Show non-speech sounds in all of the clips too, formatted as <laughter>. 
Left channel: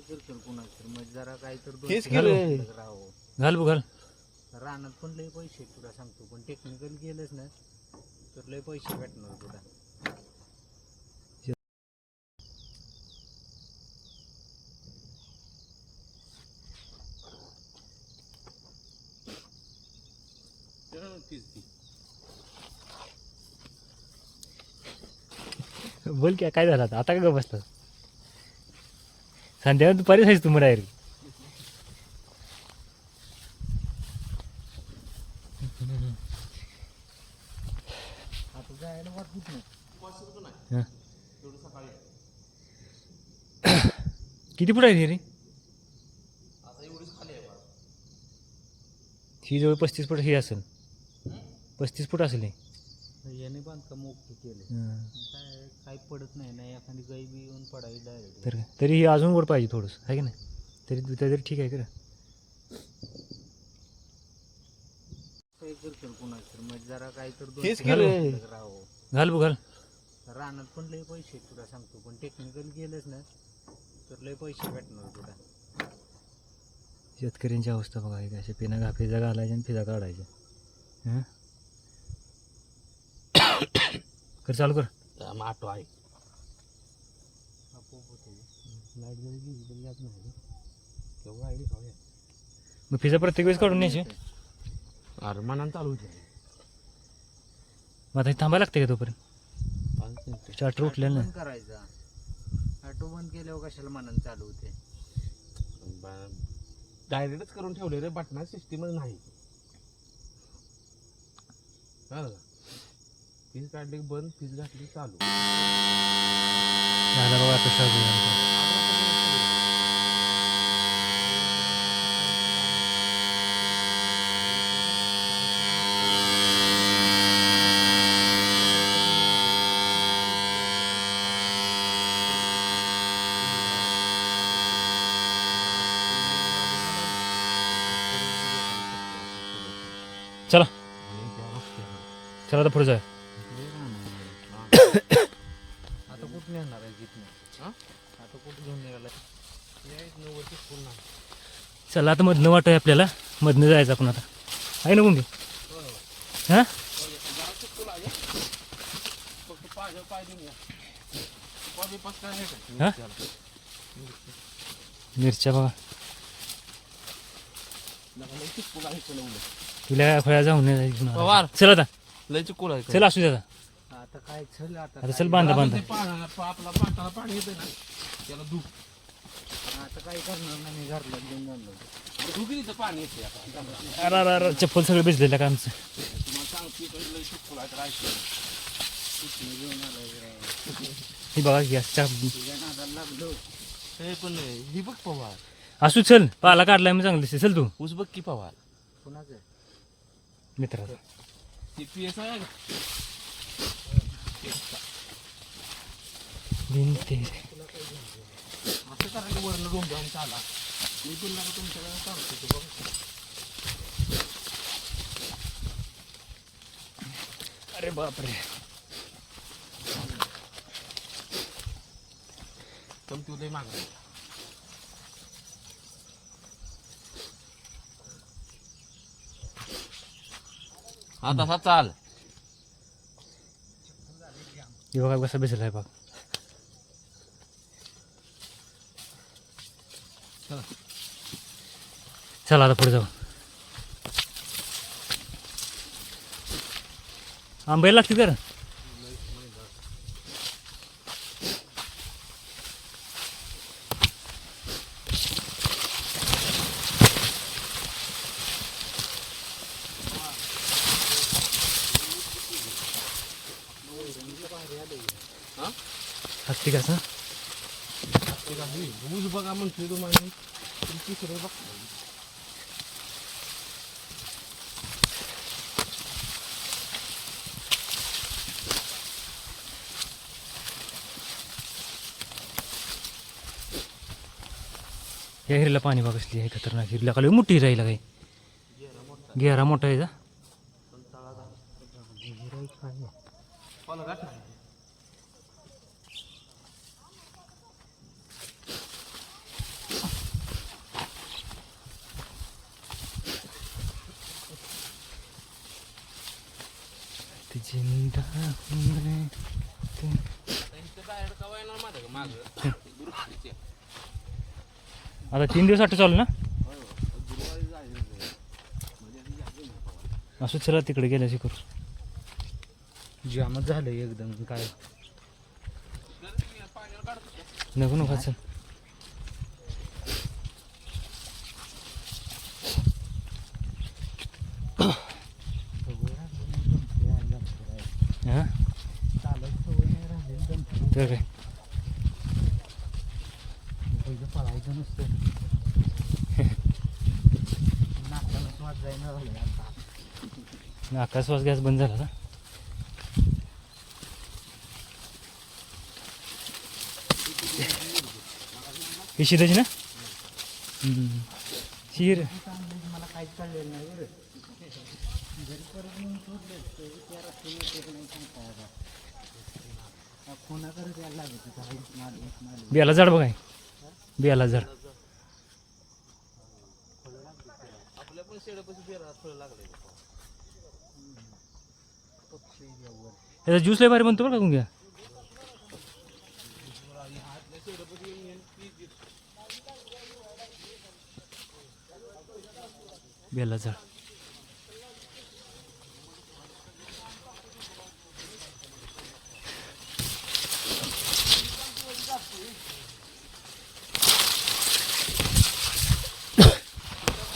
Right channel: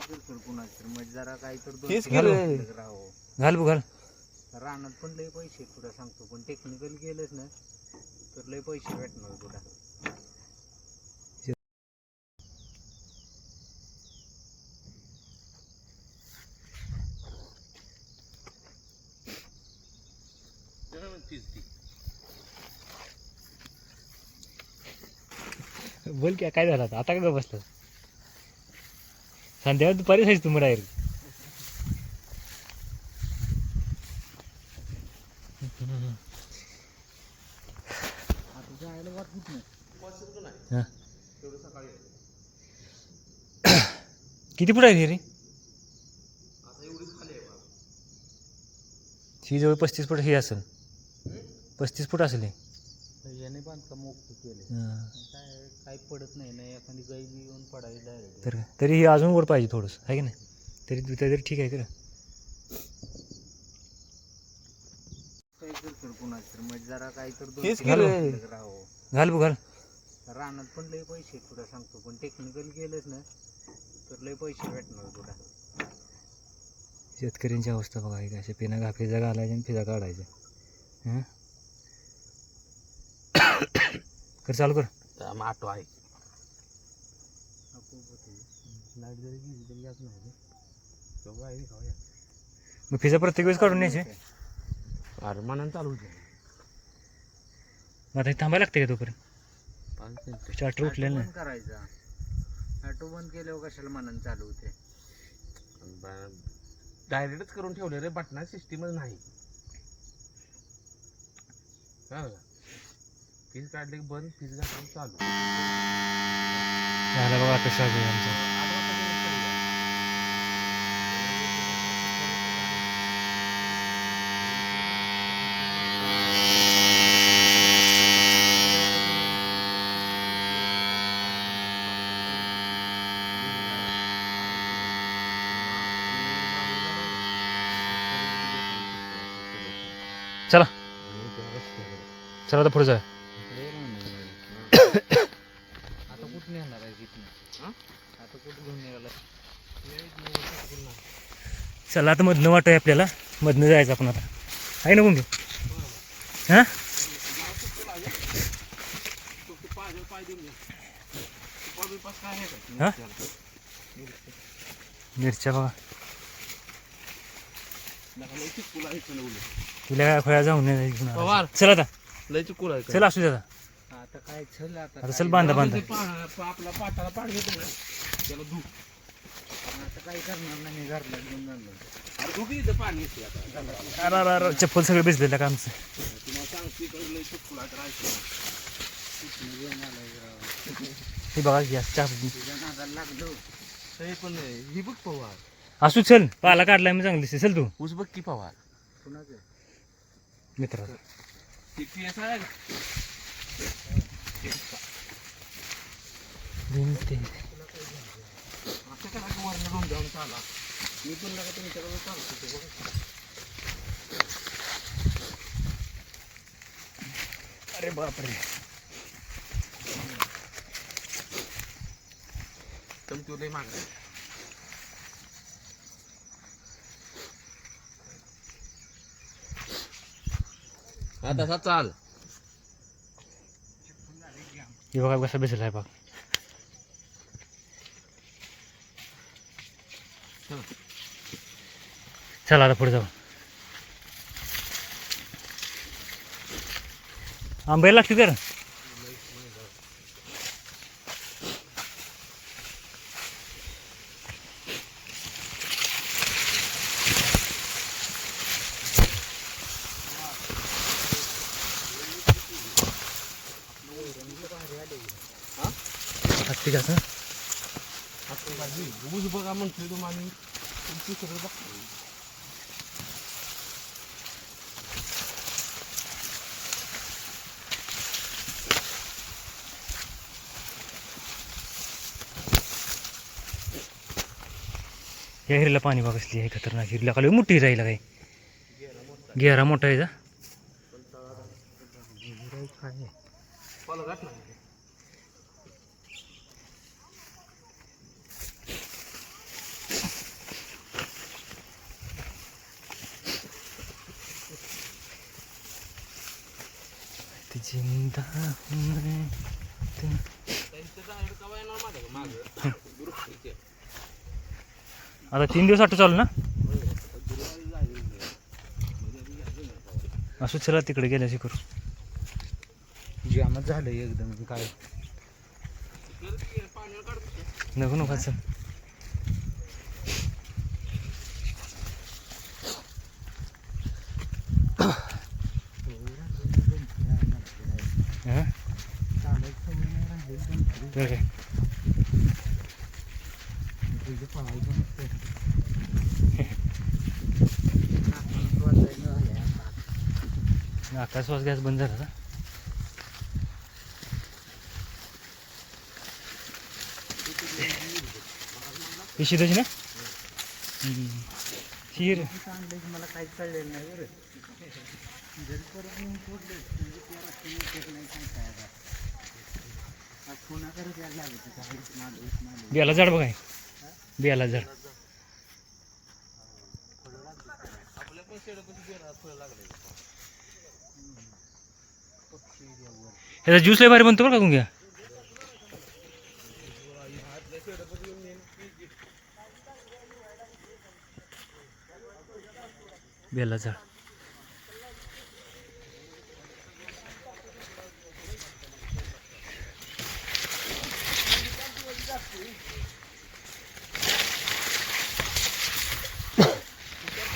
कुणाच तर. मग जरा काही तर दोन केलं. राहावं. घाल बघ घाल. रानात पण लय पैसे आहेत तुला सांगतो पण टेक्निकल गेलंच ना तर लय पैसे भेटणार तुला. बोल की काय झालं आता? आता का बसलं संध्याकाळ दुपारी जायचं तुम्ही डायरेक्ट किती फूट आहे रे? ही जवळ पस्तीस फूट ही असेल. पस्तीस फूट असेल याने बांधकाम ओके केले. हां. काय काय पडत नाही ना एखादी गाई बी येऊन पडावी डायरेक्ट तर तरी ही अजून वर पाहिजे थोडंसं आहे की नाही? तरी तरी ठीक आहे तर काय करतो कुणाच तर मग जरा काही तर दोन तीन राहावं. घाल बघ घाल. रानात पण लय पैसे आहेत तुला सांगतो पण टेक्निकल गेलंच ना तर लय पैसे भेटणार तुला. शेतकऱ्यांची अवस्था बघा एक अशा पिना घा फिजा घालायच्या आणि फिजा काढायच्या. हां? कर चालू कर. आटो आहे लाइट जरी गेली तरी याच नाही तेव्हा आहे. खाऊया मग फिजा प्रत्येक वेळेस काढून न्यायचे. अरे मनान चालू होते. मग आता इथे थांबायला लागते का तोपर्यंत? पाच मिनिटं. स्टार्टर उठलेलं ऑटो नाही बंद करायचा. ऑटो बंद केल्यावर कशाला मनानं चालू होते? डायरेक्टच करून ठेवले रे बटना सिस्टीमच नाही. कळलं का? फीज काढली बंद फीज घातली चालू. झालं बघा आता शाबू आमचा चला. चला तर पुढे जा आता कुठं नेणार आहे तिथनं आता कुठं घेऊन निघाला चला आता मधनं वाटत आहे आपल्याला. मधनं जायचं आपण आता. आहे ना कोणती हां? हां? मिरच्या बघा. तुला खोया जाऊन नाही. चल आता. चल असू दे आता. आता काय चल आता आता चल बांधा बांधा. करणार नाही घरला घेऊन जाणार अरे धूप येतं पाणी येते आता. अरे अरे अरे चप्पल सगळं भिजलेलं का आमचं. तुम्हाला सांगते इकडे आहे. हे बघा गॅस चार लागलो हे पण ही बघ पवार. असू चल पाला काढलाय मी चांगली चल तू. ऊस बघ की पवार. कुणाचं? मित्रा ती पी एस आहे भिंते करा वरण दोन जाऊन चाला. मी पण नका तुमच्याकडे सांगतो ते बघा अरे बापरे कम तू नाही मागं हा तसा चाल हे बघा कसा बेसल आहे बघ. चला आता पुढे जाऊ. आंब्याला लागते तर हत्ती कसं ऊस बघा म्हणतो तुम्हाला तुमची सगळं बघ या हिरीला पाणी बघ कसली आहे. खतरनाक हिरीला लय मोठी राहिला काही गेरा मोठा आहे जा. ना जिंदा मैं तुम. आता तीन दिवस आठ चालू ना. असं चला तिकडे गेल्याशी करू जामच झालं एकदम काय. नको नको चल हां चालायची सवय नाही राहिली एकदम ते काय तुझं पळायचं नसतं नाकाला वाजायला लागलं. आकाश श्वास गॅस बंद झाला का ही ना? शिर. मला काहीच कळलेलं नाही बरं परत बियाला झाड बघाय बियाला झाड ह्याचा ज्यूस लय भारी बनतो बरं का घ्या बेला झाड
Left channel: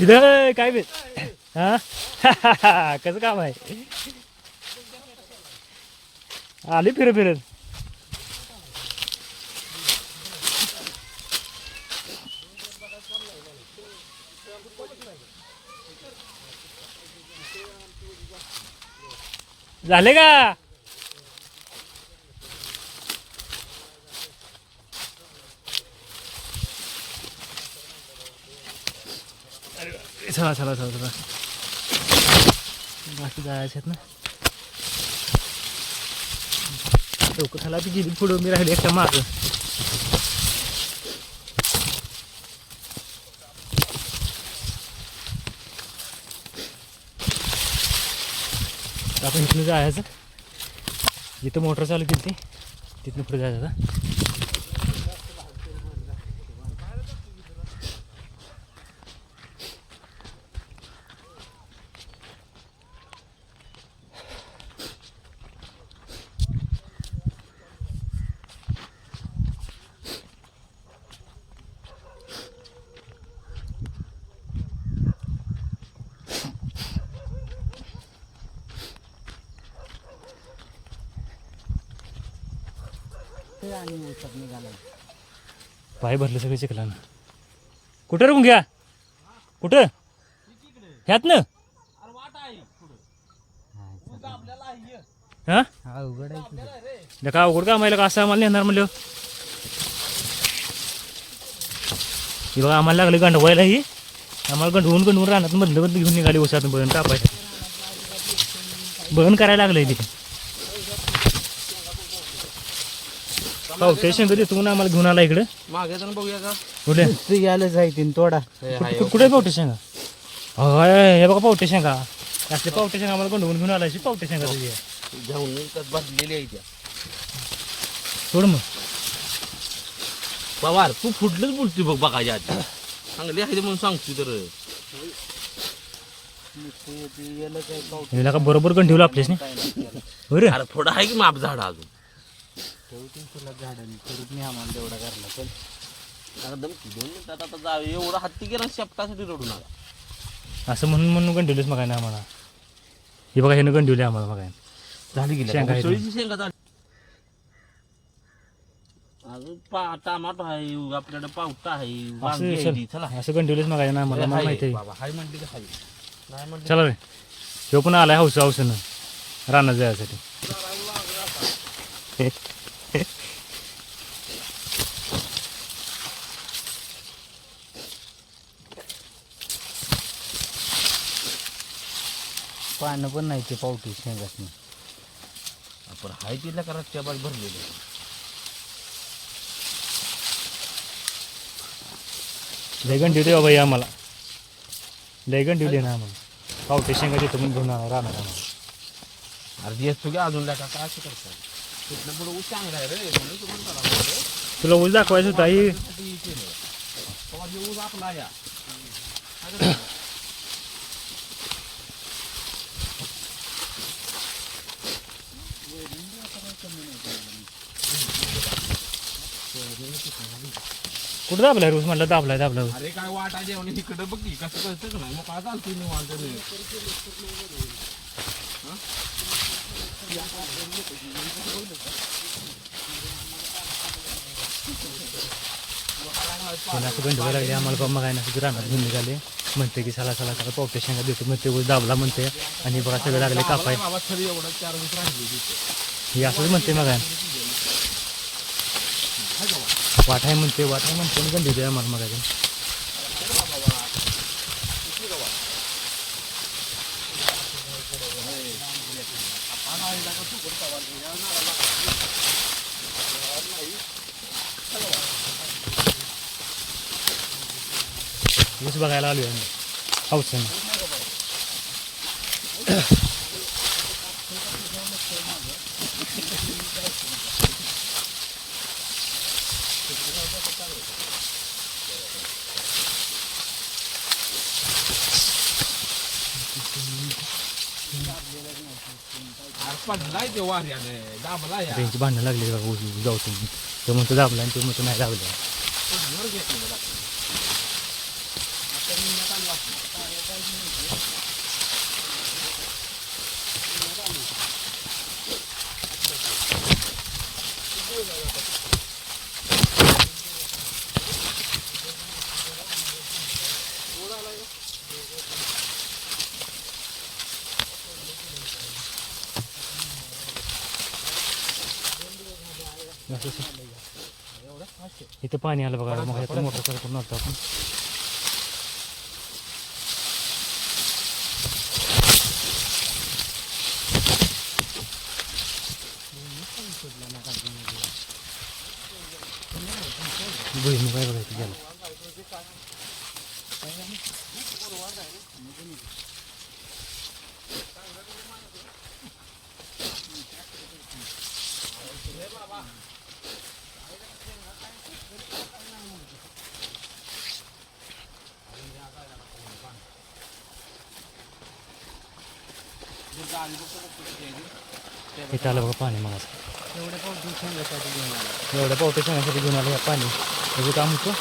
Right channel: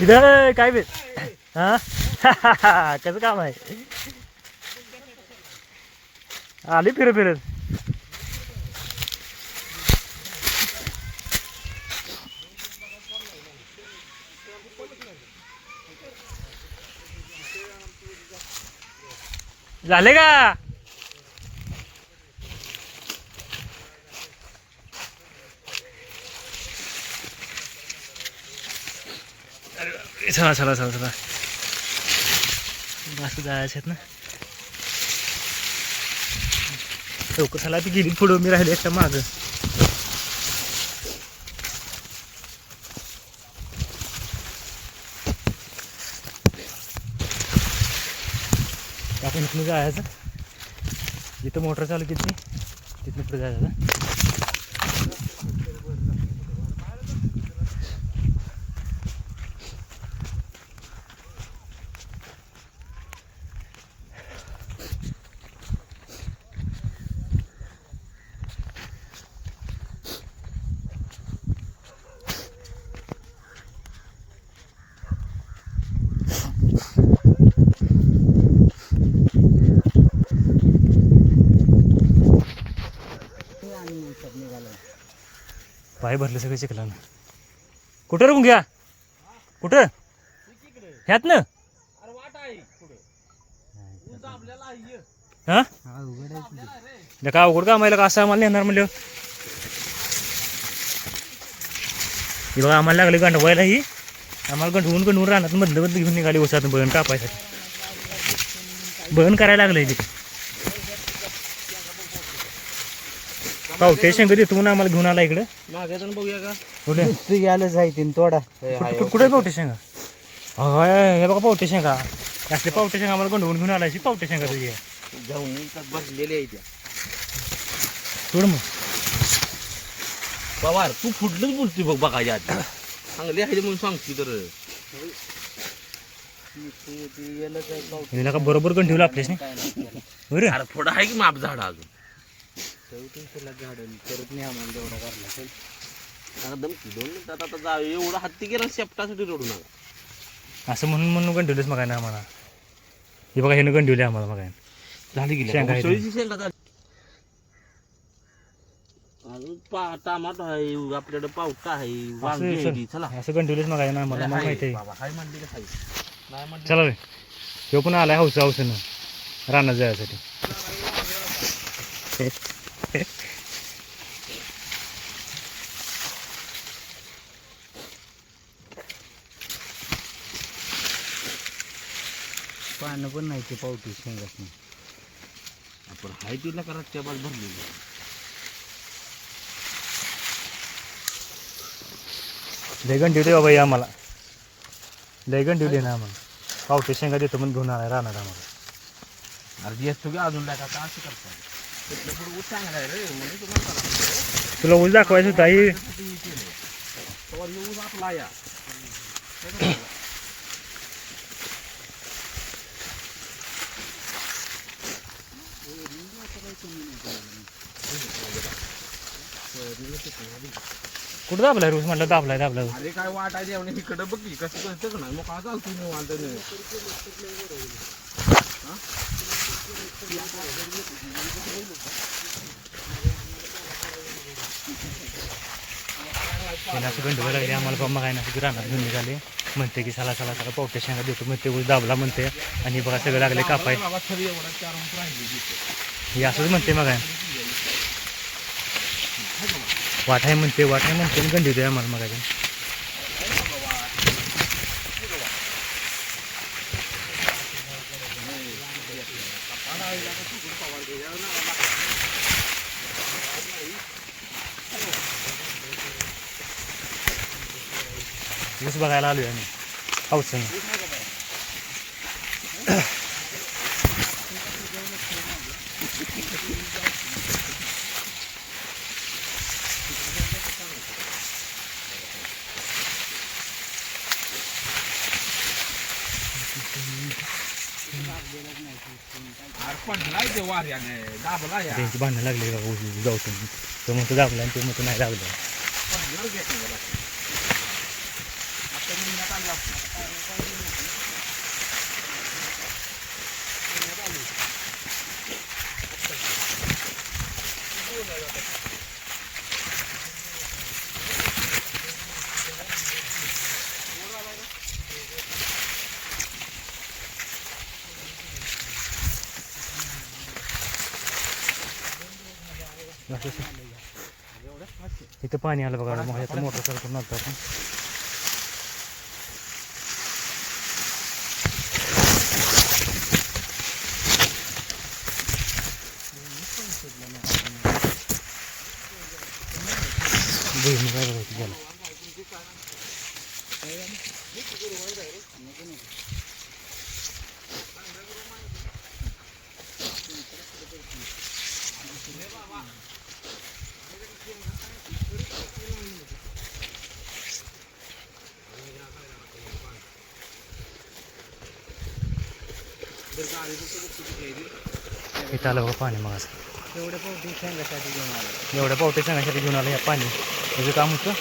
इधर काय बेत हा? <laughs> कसं काम आहे? आली फिरत फिरत. झाले का अरे, चला चला चला चला. असं जायचं आहेत ना. चौकसाला ती गेली पुढं मी राहिले एकटा मागं. आपण इथनं जायचं. जिथं मोटर चालू केली ती पुढे जायचं आणि उचक निघाला पाय भरले सगळे चिखलानं. कुठं रे घ्या कुठं? ह्यात ना हा? का अवघड का आम्हाला का असं आम्हाला नेणार म्हणलं? हे बघा आम्हाला लागले गंडवायला ही. आम्हाला गंडवून गंडवून राहणार मधलं बदल घेऊन निघाली उसात बळण कापायसाठी. बळण करायला लागलं तिथे. पावटे शंकर देतो म्हणून आम्हाला घेऊन आला इकडे? मागे जाऊन बघूया का? कुठे? तू गेलं जायतीन तोडा कुठे कुठे पावटे शेंगा? होय हे बघा पावटे शेंगा. असले पावटे शेंगा आम्हाला गंडवून घेऊन आलाय. पावटे शेंगा तुझी. घेऊन त्यात भाजलेली आहे त्या. सोड मग. पवार तू फुटलंच बोलतोय बघ बघायच्या आधी. चांगली आहे म्हणून सांगतो तर. हिला का बरोबर गण ठेवलं आपल्याच नाही अरे थोडं आहे की माप झाड अजून? ठेवतो तुला झाडांनी परत नाही आम्हाला तेवढा करला पण. एकदम दोन मिनिटात आता जा एवढं हत्ती गेला शेपटासाठी रडू नका. असं म्हणून म्हणून गंठवलेच मग ना आम्हाला? हे बघा ह्यानं गंठवले आम्हाला मग झाली गेली शेंगा आहेत. उसळीची शेंगा झाली. अजून पा टमाटो आहे आपल्याकडे पावटा आहे वांगी आहे ती. चला. असं गंठवलेच मग ना आम्हाला मला माहिती आहे. बाबा हाय म्हणली का हाय? नाही म्हणली. चला रे. ह्यो पण आलाय हौस हौसनं रानात जायसाठी. पानं पण नाही ते पावटी शेंगात आपण हाय तिला करा टेबल भरलेलं लय गंठवले बाबा हे आम्हाला लय गंठवले ना आम्हाला पावटे शेंगा देतो म्हणून घेऊन आलाय रानात आम्हाला अरे येतो की अजून काय काय असं करतो तिथलं पुढे ऊस चांगला आहे रे म्हणून तुम्हाला करा म्हणलं. तुला ऊस दाखवायचं होता ही हे हे ऊस आपला या कुठं दाबलाय रोज म्हणलं दाबलाय दाबलाय. अरे काय वाट जेवण इकडं बघ की कसं कळतं का नाही मग काय चालतो. कोणी असं गंडवं लागले? आम्हाला बाबा काय नाही रानात घेऊन निघाले म्हणते की चला चला पावटे शेंगा देतो. म्हणते ऊस दाबला म्हणते. आणि बघा सगळं लागले कापाय. हे असंच म्हणते मग वाट आहे म्हणते वाट आहे म्हणते आणि गंडी दे आम्हाला मग ऊस बघायला आलोय आम्ही. पावसानं वाऱ्याने दाबला या त्यांची भांडणं लागली ऊस जाऊ तुम्ही तो म्हणतो दाबला आणि ते म्हणतो नाही दाबलं पडणार घेत नाही त्याला. आता मी आता लागतो. असं इथं पाणी आलं बघा मग ह्याचं मोटर चालू करून आपण भुईमुग काय बघायचं गेला इथं आलं बघा पाणी मग एवढं पावटे शेंगासाठी घेऊन आलं. एवढ्या पावटे सांगण्यासाठी घेऊन आलं या पाणी. त्याचं काम होतं